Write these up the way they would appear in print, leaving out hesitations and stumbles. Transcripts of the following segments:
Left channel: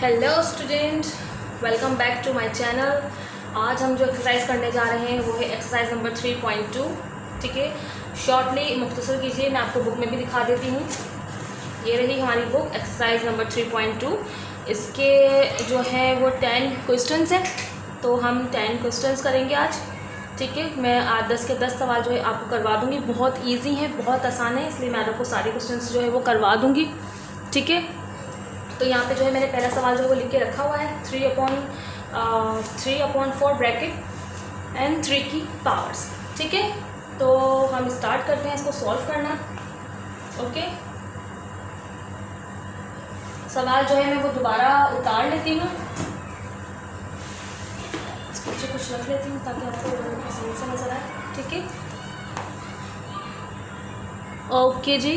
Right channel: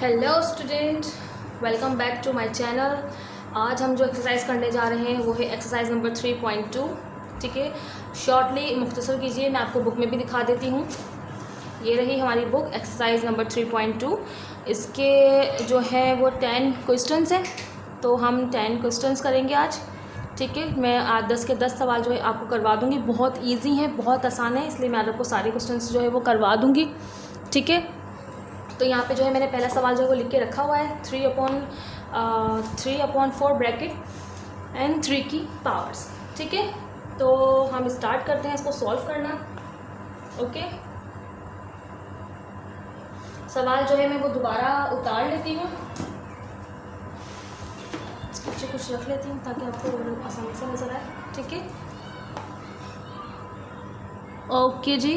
Hello student, welcome back to my channel. आज हम जो एक्सरसाइज करने जा रहे हैं वो है एक्सरसाइज नंबर 3.2। ठीक है, शॉर्टली मुख्तसर कीजिए, मैं आपको बुक में भी दिखा देती हूँ। ये रही हमारी बुक एक्सरसाइज नंबर 3.2। इसके जो है वो 10 क्वेश्चंस है, तो हम 10 क्वेश्चंस करेंगे आज। ठीक है, मैं आज 10 के 10 सवाल जो है आपको करवा दूँगी। बहुत ईजी है, बहुत आसान है, इसलिए मैं आपको सारे क्वेश्चंस जो है वो करवा दूँगी। ठीक है, तो यहाँ पे जो है मैंने पहला सवाल जो है वो लिख के रखा हुआ है 3/4 ब्रैकेट एंड 3 की पावर्स। ठीक है, तो हम स्टार्ट करते हैं इसको सॉल्व करना। ओके, सवाल जो है मैं वो दोबारा उतार लेती हूँ, इसको पीछे कुछ रख लेती हूँ ताकि आपको आसानी से नजर आए। ठीक है, ओके जी,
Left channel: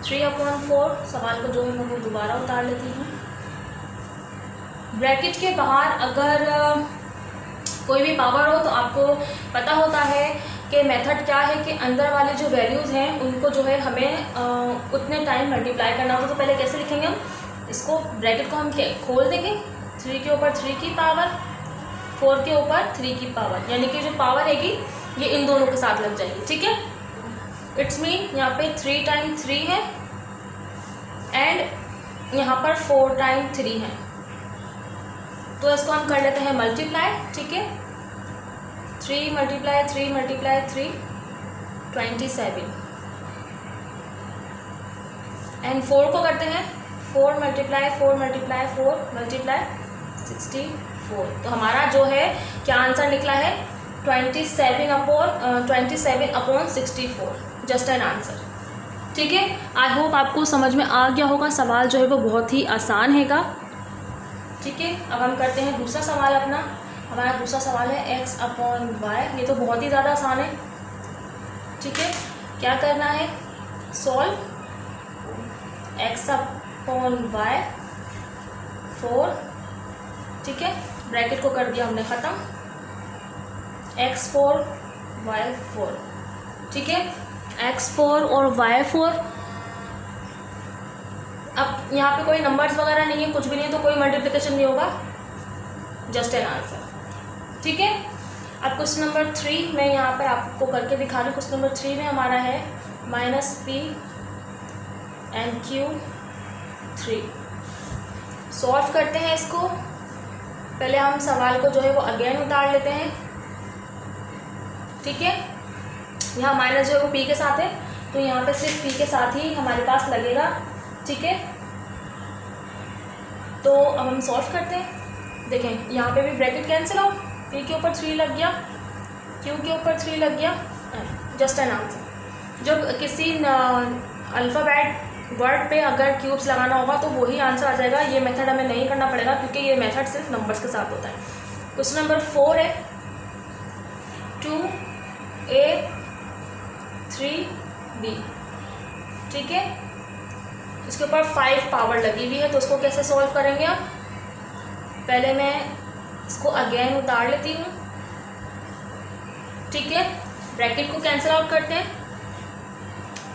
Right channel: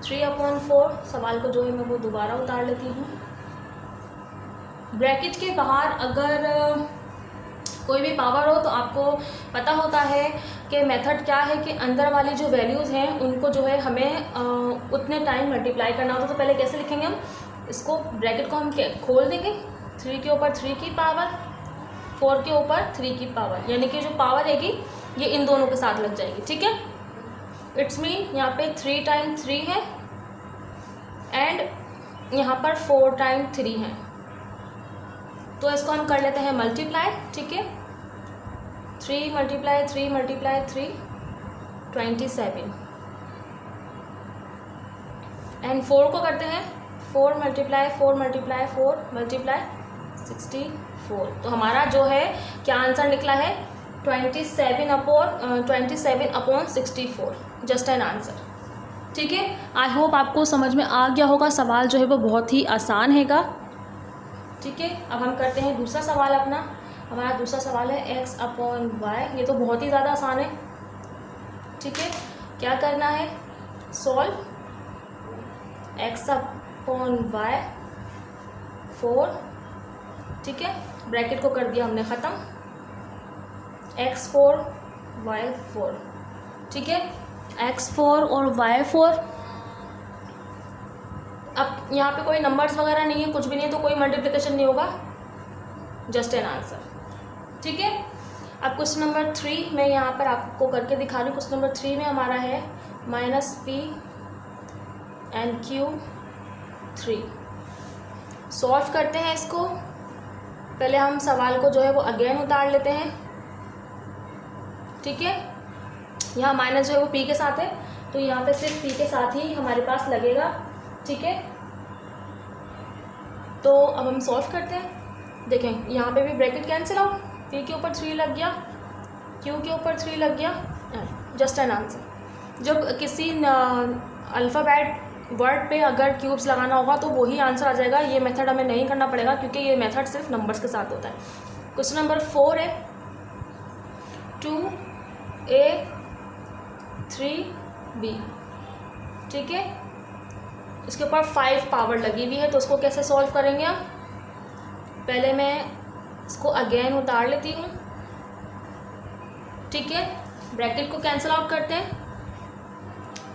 3/4 सवाल को जो है मैं वो दोबारा उतार लेती हूँ। ब्रैकेट के बाहर अगर कोई भी पावर हो तो आपको पता होता है कि मेथड क्या है कि अंदर वाले जो वैल्यूज़ हैं उनको जो है हमें उतने टाइम मल्टीप्लाई करना होता है। तो पहले कैसे लिखेंगे हम इसको, ब्रैकेट को हम खोल देंगे, 3 के ऊपर 3 की पावर, 4 के ऊपर 3 की पावर, यानी कि जो पावर हैगी ये इन दोनों के साथ लग जाएगी। ठीक है, इट्स मीन यहाँ पे 3 टाइम 3 है एंड यहाँ पर 4 टाइम 3 है, तो इसको हम कर लेते हैं मल्टीप्लाई। ठीक है, 3 × 3 × 3 27 एंड 4 को करते हैं 4 × 4 × 4 × 64। तो हमारा जो है क्या आंसर निकला है 27/64, जस्ट एन आंसर। ठीक है, आई होप आपको समझ में आ गया होगा। सवाल जो है वो बहुत ही आसान हैगा। ठीक है, अब हम करते हैं दूसरा सवाल अपना। हमारा दूसरा सवाल है x/y। ये तो बहुत ही ज़्यादा आसान है। ठीक है, क्या करना है, सॉल्व x/y 4। ठीक है, ब्रैकेट को कर दिया हमने ख़त्म, x4 y4। ठीक है, x4 और y4। अब यहाँ पे कोई नंबर्स वगैरह नहीं है, कुछ भी नहीं है, तो कोई मल्टीप्लिकेशन नहीं होगा, जस्ट एन आंसर। ठीक है, अब क्वेश्चन नंबर 3 मैं यहाँ पर आपको करके दिखा रही हूँ। क्वेश्चन नंबर 3 में हमारा है -p and q 3। सॉल्व करते हैं इसको। पहले हम सवाल को जो है वो अगेन उतार लेते हैं। ठीक है, यहाँ माइनस जो है वो p के साथ है, तो यहाँ पे सिर्फ p के साथ ही हमारे पास लगेगा। ठीक है, तो अब हम सॉल्व करते हैं। देखें यहाँ पे भी ब्रैकेट कैंसिल हो, p के ऊपर 3 लग गया, q के ऊपर 3 लग गया, जस्ट एन आंसर। जब किसी अल्फ़ाबेट वर्ड पे अगर क्यूब्स लगाना होगा तो वही आंसर आ जाएगा। ये मेथड हमें नहीं करना पड़ेगा क्योंकि ये मेथड सिर्फ नंबर्स के साथ होता है। क्वेश्चन नंबर 4 है 2a 3b। ठीक है, इसके ऊपर 5 पावर लगी हुई है, तो उसको कैसे सॉल्व करेंगे आप, पहले मैं इसको अगेन उतार लेती हूँ। ठीक है, ब्रैकेट को कैंसिल आउट करते हैं।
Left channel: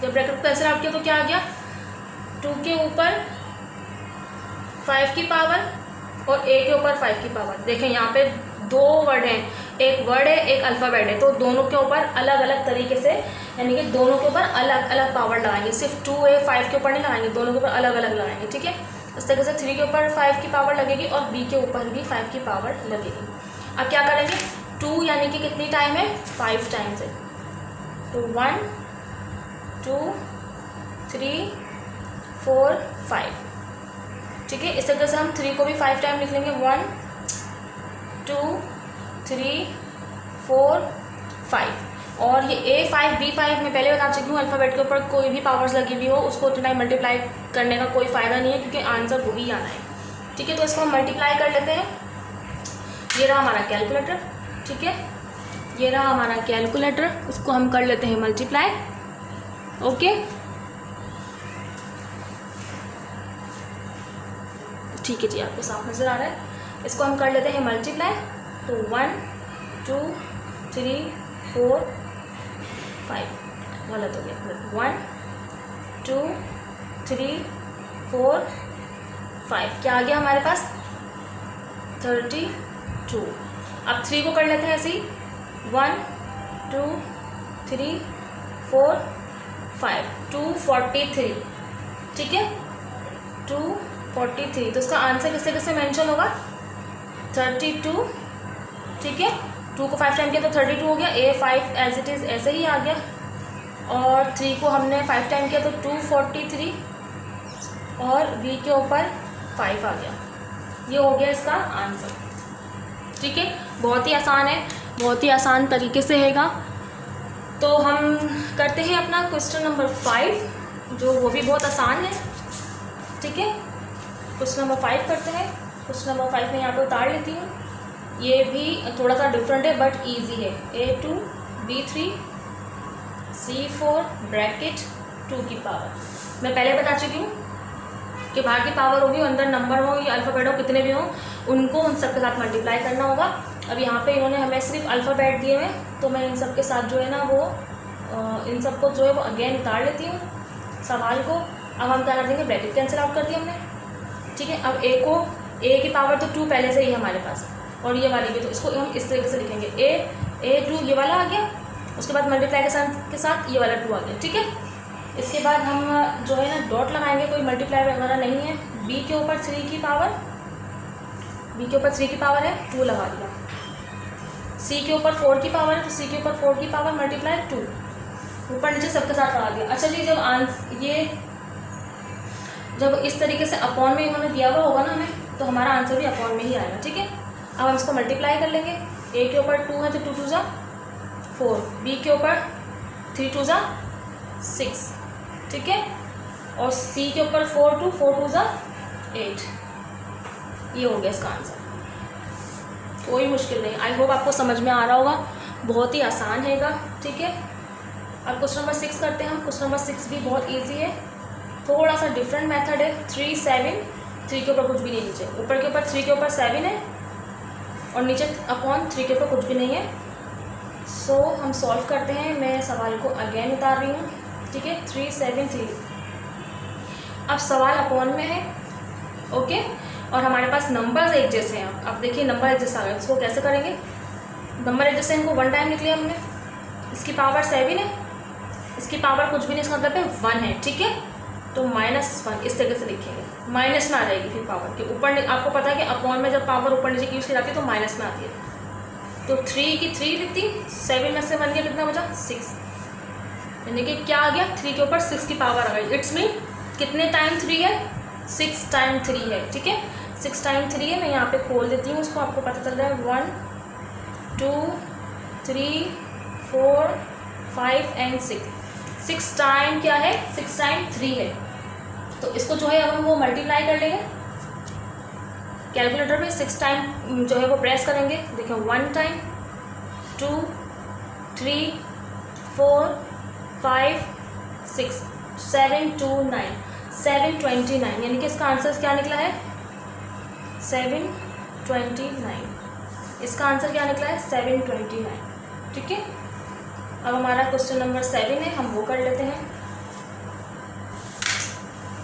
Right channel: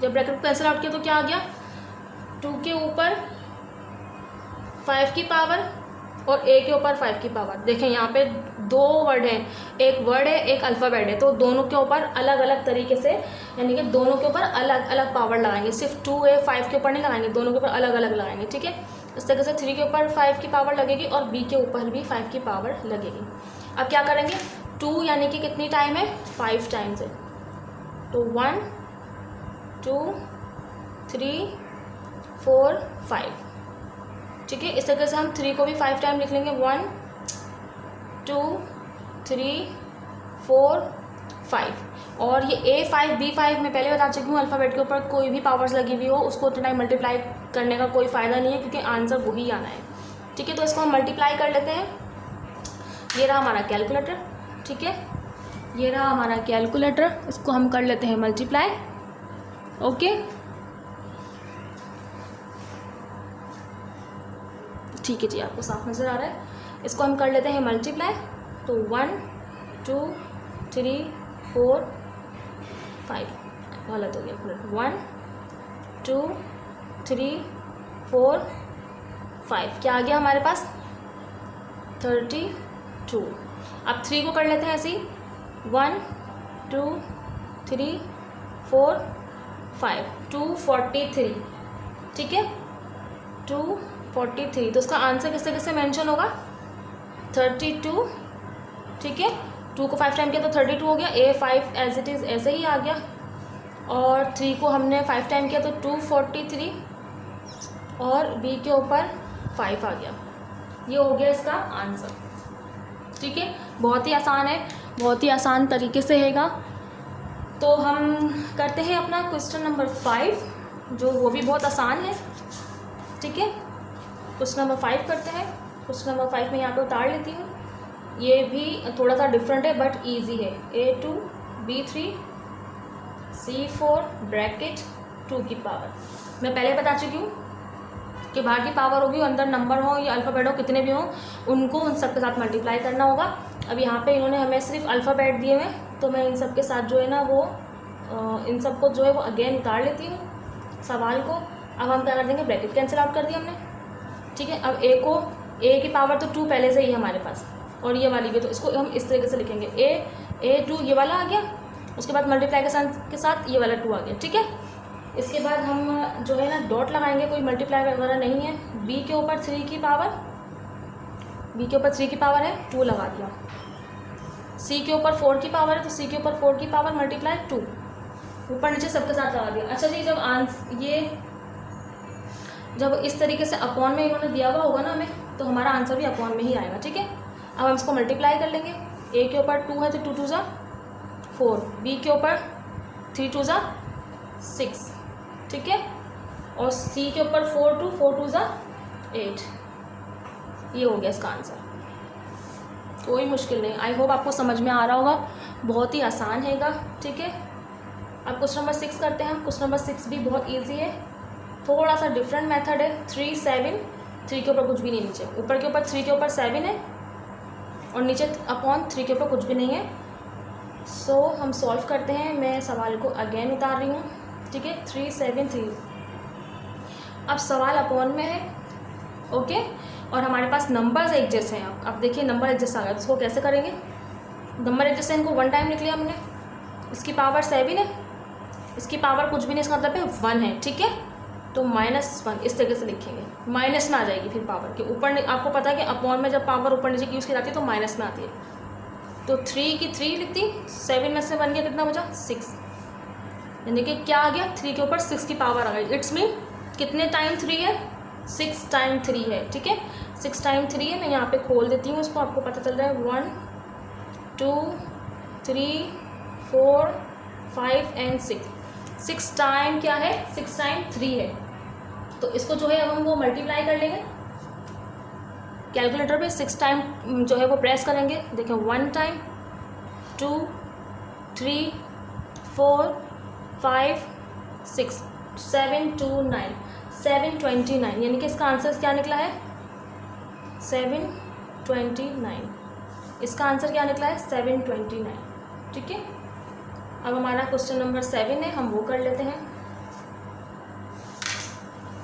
जब ब्रैकेट को कैंसिल आउट किया तो क्या आ गया, 2 के ऊपर 5 की पावर और a के ऊपर 5 की पावर। देखें यहाँ पे 2 वर्ड हैं, एक वर्ड है एक अल्फ़ाबेट है, तो दोनों के ऊपर अलग अलग तरीके से, यानी कि दोनों के ऊपर अलग अलग पावर लगाएंगे। सिर्फ 2a 5 के ऊपर नहीं लगाएंगे, दोनों के ऊपर अलग अलग लगाएंगे। ठीक है, इस तरीके से 3 के ऊपर 5 की पावर लगेगी और b के ऊपर भी 5 की पावर लगेगी। अब क्या करेंगे, 2 यानी कि कितनी टाइम है, 5 टाइम्स है, तो 1 2 3 4 5। ठीक है, इस तरीके से हम 3 को भी 5 टाइम लिख लेंगे, 1 2 3 4 5। और ये a5 b5 मैं पहले बता चुकी हूँ, अल्फ़ाबेट के ऊपर कोई भी पावर्स लगी हुई हो उसको उतना टाइम मल्टीप्लाई करने का कोई फ़ायदा नहीं है क्योंकि आंसर वही आना है। ठीक है, तो इसको हम मल्टीप्लाई कर लेते हैं। ये रहा हमारा कैलकुलेटर। ठीक है, ये रहा हमारा कैलकुलेटर, इसको हम कर लेते हैं मल्टीप्लाई। ओके, ठीक है जी, आपको साफ नज़र आ रहा है। इसको हम कर लेते हैं मल्टीप्लाई, तो 1 2 3 4 5, गलत हो गया, 1 2 3 4 5, क्या आ गया हमारे पास 32। अब 3 को कर लेते हैं ऐसे ही, 1 2 3 4 5, 243, ठीक है 243। तो इसका आंसर किससे किससे मेंशन होगा 32, ठीक है 2 को 5 टाइम किया तो 32 हो गया, A5 एज इट इज़ ऐसे ही आ गया, और 3 को हमने 5 टाइम किया तो 243 और B के ऊपर 5 आ गया। ये हो गया इसका आंसर, ठीक है। बहुत ही आसान है, बहुत ही आसान तरीके से हैगा। तो हम करते हैं अपना क्वेश्चन नंबर 5, जो वो भी बहुत आसान है, ठीक है। क्वेश्चन नंबर 5 करते हैं। क्वेश्चन नंबर 5 में यहाँ पे उतार लेती हूँ, ये भी थोड़ा सा डिफरेंट है बट इजी है। A2 B3 C4 ब्रैकेट 2 की पावर। मैं पहले बता चुकी हूँ कि बाहर की पावर होगी, अंदर नंबर हो या अल्फ़ाबेट हो, कितने भी हों, उनको उन सब के साथ मल्टीप्लाई करना होगा। अब यहाँ पे इन्होंने हमें सिर्फ अल्फ़ाबेट दिए हुए, तो मैं इन सब के साथ जो है ना वो इन सबको जो है वो अगेन उतार लेती हूँ सवाल को। अब हम क्या कर देंगे, ब्रैकेट कैंसिल आउट कर दिया हमने, ठीक है। अब A की पावर तो 2 पहले से ही हमारे पास, और ये वाली भी, तो इसको हम इस तरीके से लिखेंगे A2 ये वाला आ गया, उसके बाद मल्टीप्लाई के साथ ये वाला 2 आ गया, ठीक है। इसके बाद हम जो है ना डॉट लगाएंगे, कोई मल्टीप्लाई वगैरह नहीं है। B के ऊपर 3 की पावर, B के ऊपर 3 की पावर है 2 लगा दिया। C के ऊपर 4 की पावर है तो C के ऊपर 4 की पावर मल्टीप्लाई 2, ऊपर नीचे सबके साथ लगा दिया। अच्छा जी, जब इस तरीके से अपॉन में इन्होंने दिया हुआ होगा ना हमें, तो हमारा आंसर भी अपॉन में ही आएगा, ठीक है। अब हम इसको मल्टीप्लाई कर लेंगे। A के ऊपर 2 है तो 2 2 जा 4, B के ऊपर 3 2 जा 6, ठीक है, और C के ऊपर 4 2 जा 8। ये हो गया इसका आंसर, कोई मुश्किल नहीं। आई होप आपको समझ में आ रहा होगा, बहुत ही आसान हैगा, ठीक है। अब क्वेश्चन नंबर 6 करते हैं हम। क्वेश्चन नंबर 6 भी बहुत इजी है, थोड़ा सा डिफरेंट मेथड है। 3 7, 3 के ऊपर कुछ भी नहीं, नीचे ऊपर के ऊपर 3 के ऊपर 7 है और नीचे अपॉन 3 के ऊपर कुछ भी नहीं है। सो हम सॉल्व करते हैं। मैं सवाल को अगेन उतार रही हूँ, ठीक है। 3 7 3, अब सवाल अपॉन में है, ओके, और हमारे पास नंबर्स एक जैसे हैं। अब देखिए नंबर एक जैसा आ गया, इसको कैसे करेंगे। नंबर एक जैसे, इनको 1 टाइम निकले हमने, इसकी पावर 7 है, इसकी पावर कुछ भी नहीं, इसका मतलब है 1 है, ठीक है। तो -1 इस तरीके से लिखेंगे, माइनस में आ जाएगी फिर पावर की ऊपर। आपको पता है कि अपॉन में जब पावर ऊपर नीचे की यूज़ की जाती है तो माइनस में आती है। तो 3 की 3 लिखती, 7 में से 1 गया, कितना बचा 6, यानी कि क्या आ गया 3 के ऊपर 6 की पावर आ गई। इट्स मीन कितने टाइम 3 है, 6 टाइम 3 है, ठीक है। 6 टाइम 3 है, मैं यहाँ पे खोल देती हूँ उसको, आपको पता चल रहा है 1 2 3 4 5 एंड 6। 6 टाइम क्या है, 6 टाइम 3 है। तो इसको जो है अब हम वो मल्टीप्लाई कर लेंगे कैलकुलेटर पे। 6 टाइम जो है वो प्रेस करेंगे, देखें 1 टाइम 2 3 4 5 6 7 2 9 729, यानी कि इसका आंसर क्या निकला है 729। इसका आंसर क्या निकला है 729, ठीक है। अब हमारा क्वेश्चन नंबर 7 है, हम वो कर लेते हैं।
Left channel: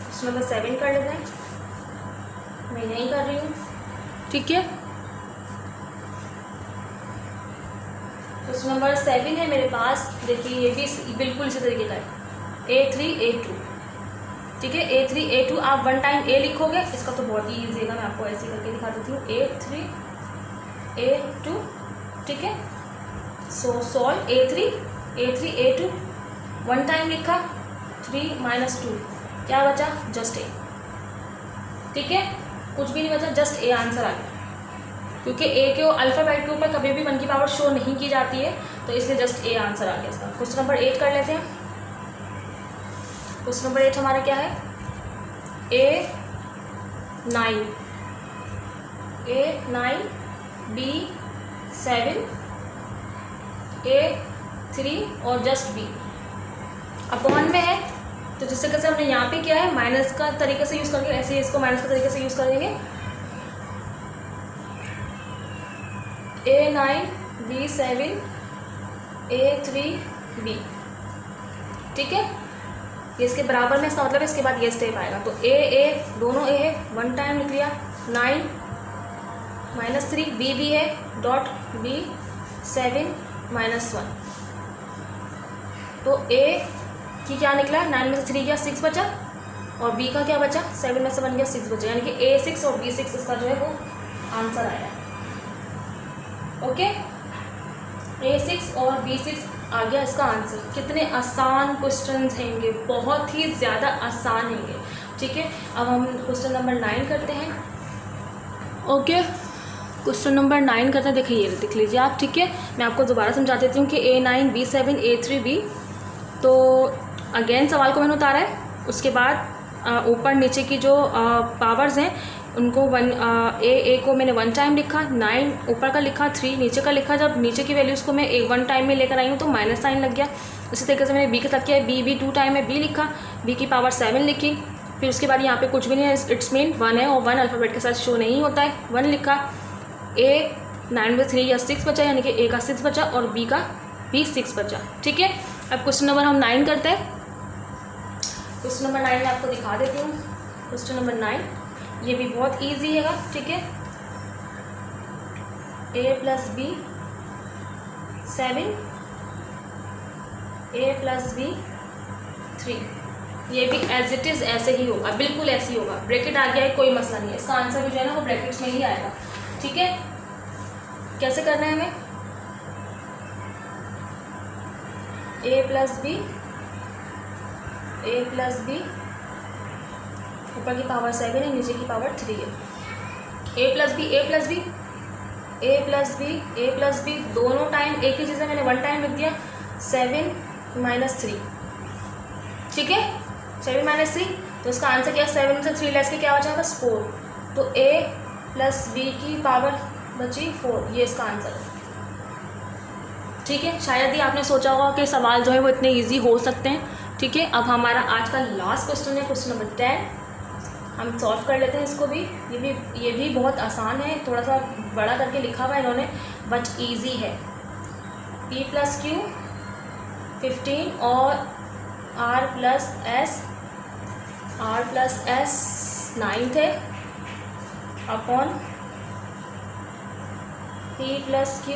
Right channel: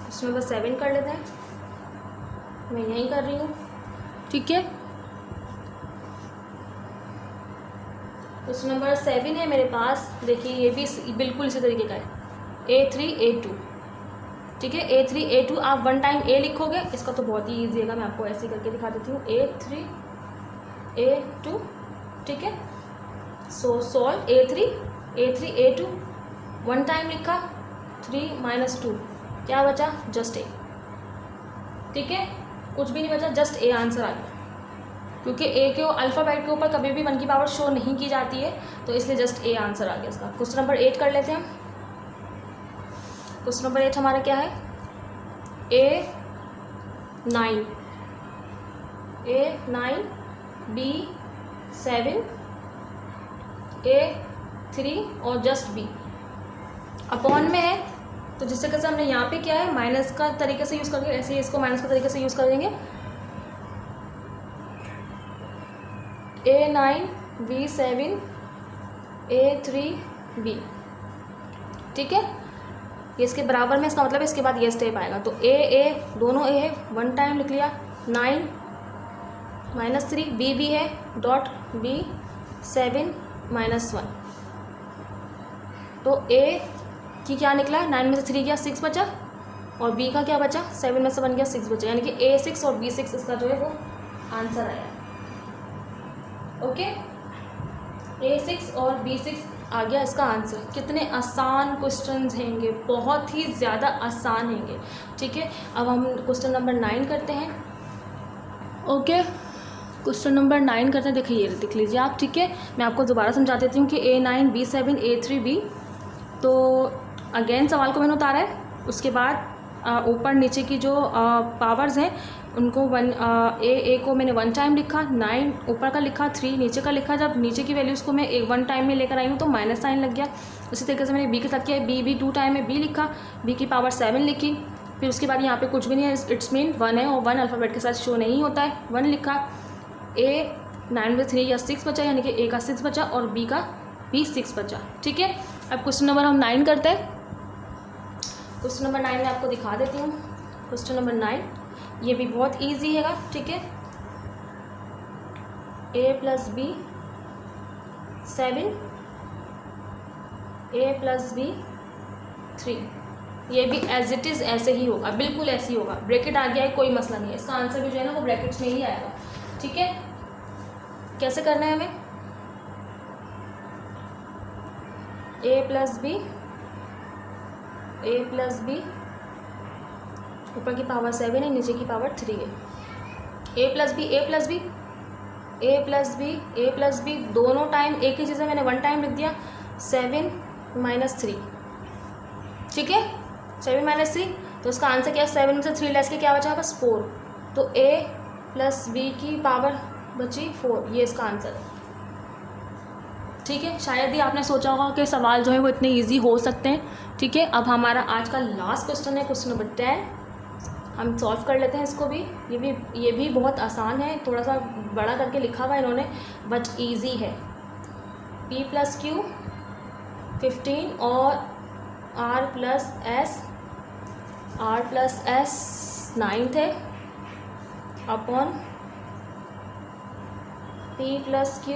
क्वेश्चन नंबर 7 कर लेते हैं, मैं नहीं कर रही हूँ, ठीक है। क्वेश्चन नंबर 7 है मेरे पास, देखिए ये भी बिल्कुल इसी तरीके का है। A3 A2, ठीक है। A3 A2, आप 1 टाइम A लिखोगे, इसका तो बहुत ही ईजी है, मैं आपको ऐसे करके दिखा देती हूँ। A3 A2, ठीक है। सो सॉल्व A3 A2, 1 टाइम लिखा, 3 - 2 क्या बचा, जस्ट A, ठीक है, कुछ भी नहीं बचा, जस्ट A आंसर आ गया। क्योंकि A के अल्फ़ाबेट के ऊपर कभी भी 1 की पावर शो नहीं की जाती है, तो इसलिए जस्ट A आंसर आ गया इसका। क्वेश्चन नंबर 8 कर लेते हैं हम। क्वेश्चन नंबर 8 हमारा क्या है, A9 B7 A3 और जस्ट B अपॉन में है, तो जिस तरीके से हमने यहाँ पे किया है माइनस का तरीके से यूज़ करेंगे, ऐसे ही इसको माइनस का तरीके से यूज़ करेंगे। A9 B7 A3 B, ठीक है। ये इसके बराबर में, इसका मतलब इसके बाद ये स्टेप आएगा। तो ए दोनों ए है, 1 टाइम लिख लिया, 9 -3, बी है डॉट बी 7 -1। तो ए की क्या निकला, 9 में से 3 गया 6 बचा, और बी का क्या बचा, 7 में से 1 गया 6 बचा, यानी कि A6 और B6 इसका जो है वो आंसर आया। ओके, A6 और B6 आ गया इसका आंसर। कितने आसान क्वेश्चंस हैंगे, बहुत ही ज़्यादा आसान हैंगे। ठीक है, अब हम क्वेश्चन नंबर 9 करते हैं। ओके, क्वेश्चन नंबर 9 करते हैं। देखिए ये देख लीजिए आप। ठीक है, मैं आपको दोबारा समझा देती हूँ कि A9 B7 A3 B। तो अगेन सवाल को मैंने उतारा है, उसके बाद ऊपर नीचे की जो पावर्स हैं उनको ए को मैंने 1 टाइम लिखा, 9 ऊपर का लिखा, 3 नीचे का लिखा। जब नीचे की वैल्यूज़ को मैं 1 टाइम में लेकर आई हूँ तो माइनस साइन लग गया। इसी तरीके से मैंने बी के साथ किया है, बी 2 टाइम में बी लिखा, बी की पावर 7 लिखी। फिर उसके बाद यहाँ पे कुछ भी नहीं है, इट्स मीन 1 है, और 1 अल्फ़ाबेट के साथ शो नहीं होता है, 1 लिखा। ए 9 में 3 या 6 बचा, यानी कि ए का 6 बचा और बी का भी 6 बचा। ठीक है, अब क्वेश्चन नंबर हम 9 करते हैं। क्वेश्चन नंबर 9 मैं आपको दिखा देती हूँ। क्वेश्चन नंबर 9 ये भी बहुत इजी हैगा। ठीक है, a + b 7 a + b 3। ये भी एज इट इज़ ऐसे ही होगा, बिल्कुल ऐसे ही होगा। ब्रैकेट आ गया है, कोई मसला नहीं है, इसका आंसर भी जो है ना वो ब्रैकेट्स में ही आएगा। ठीक है, कैसे करना है हमें, a + b ऊपर की पावर 7 है, नीचे की पावर 3 है। a + b दोनों टाइम एक ही चीज़ है, मैंने 1 टाइम लिख दिया, 7 - 3। ठीक है, 7 - 3, तो इसका आंसर क्या है, 7 में से 3 लेस के क्या बचा, बस 4। तो a + b की पावर बची 4, ये इसका आंसर है। ठीक है, शायद ही आपने सोचा होगा कि सवाल जो है वो इतने इजी हो सकते हैं। ठीक है, अब हमारा आज का लास्ट क्वेश्चन है, क्वेश्चन नंबर 10। हम सॉल्व कर लेते हैं इसको भी। ये भी बहुत आसान है, थोड़ा सा बड़ा करके लिखा हुआ है इन्होंने, बट इजी है। p + q 15 और r + s 9 थे अपॉन p + q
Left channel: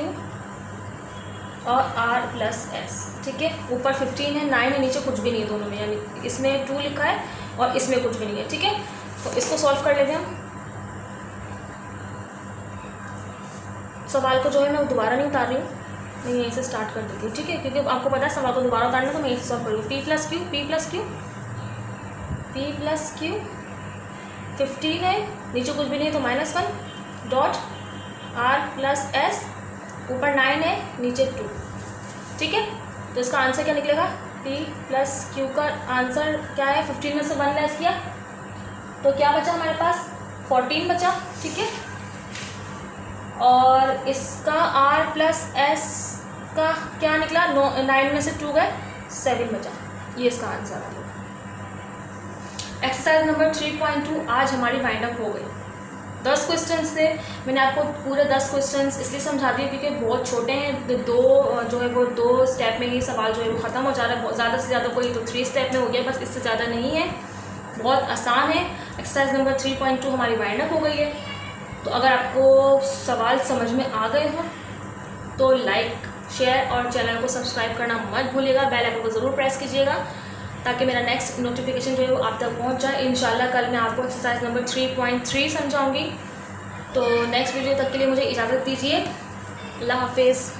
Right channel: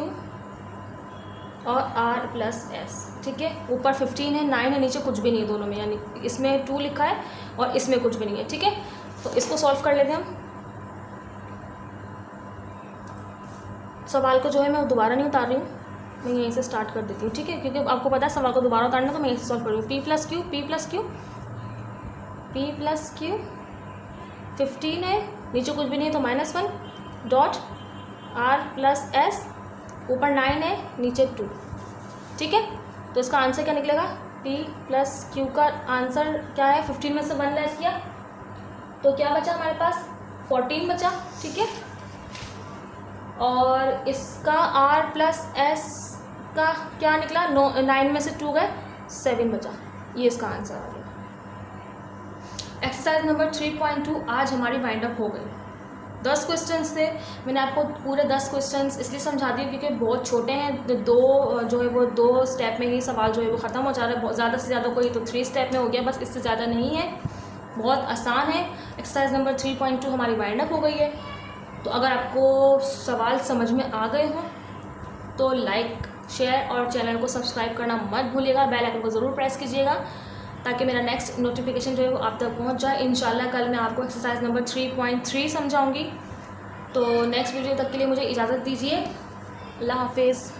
और r + s। ठीक है, ऊपर 15 है, 9 है, नीचे कुछ भी नहीं है दोनों में, यानी इसमें 2 लिखा है और इसमें कुछ भी नहीं है। ठीक है, तो इसको सॉल्व कर लेते हैं हम। सवाल को जो है मैं दोबारा नहीं उतार रही हूँ, मैं यहीं से स्टार्ट कर देती हूँ। ठीक है, क्योंकि आपको पता है सवाल को दोबारा उतारना, तो मैं यहीं से सॉल्व कर रही हूँ। p + q 15 है, नीचे कुछ भी नहीं है तो -1 डॉट r + s, ऊपर 9 है, नीचे 2। ठीक है, तो इसका आंसर क्या निकलेगा, p + q का आंसर क्या है, 15 में से 1 लेस किया तो क्या बचा हमारे पास, 14 बचा। ठीक है, और इसका r + s का क्या निकला, 9 में से 2 गए, 7 बचा। ये इसका आंसर है। एक्सरसाइज नंबर 3.2 आज हमारी वाइंड अप हो गई। 10 क्वेश्चंस थे, मैंने आपको पूरे 10 क्वेश्चंस इसलिए समझा दिए क्योंकि बहुत छोटे हैं। दो जो है वो 2 स्टेप में ही सवाल जो है वो ख़त्म हो जा रहा है, ज़्यादा से ज़्यादा कोई तो 3 स्टेप में हो गया, बस इससे ज़्यादा नहीं है, बहुत आसान है। एक्सरसाइज नंबर 3.2 हमारी वाइंड अप हो गई है। तो अगर आपको सवाल समझ में आ गए हो तो लाइक, शेयर और चैनल को सब्सक्राइब करना मत भूलिएगा, बेल आइकन को ज़रूर प्रेस कीजिएगा ताकि मेरा नेक्स्ट नोटिफिकेशन जो है वो आप तक पहुंच जाए। इंशाल्लाह कल मैं आपको एक्सरसाइज नंबर 3.3 समझाऊंगी। तो नेक्स्ट वीडियो तक के लिए मुझे इजाज़त दीजिए। अल्लाह हाफिज़।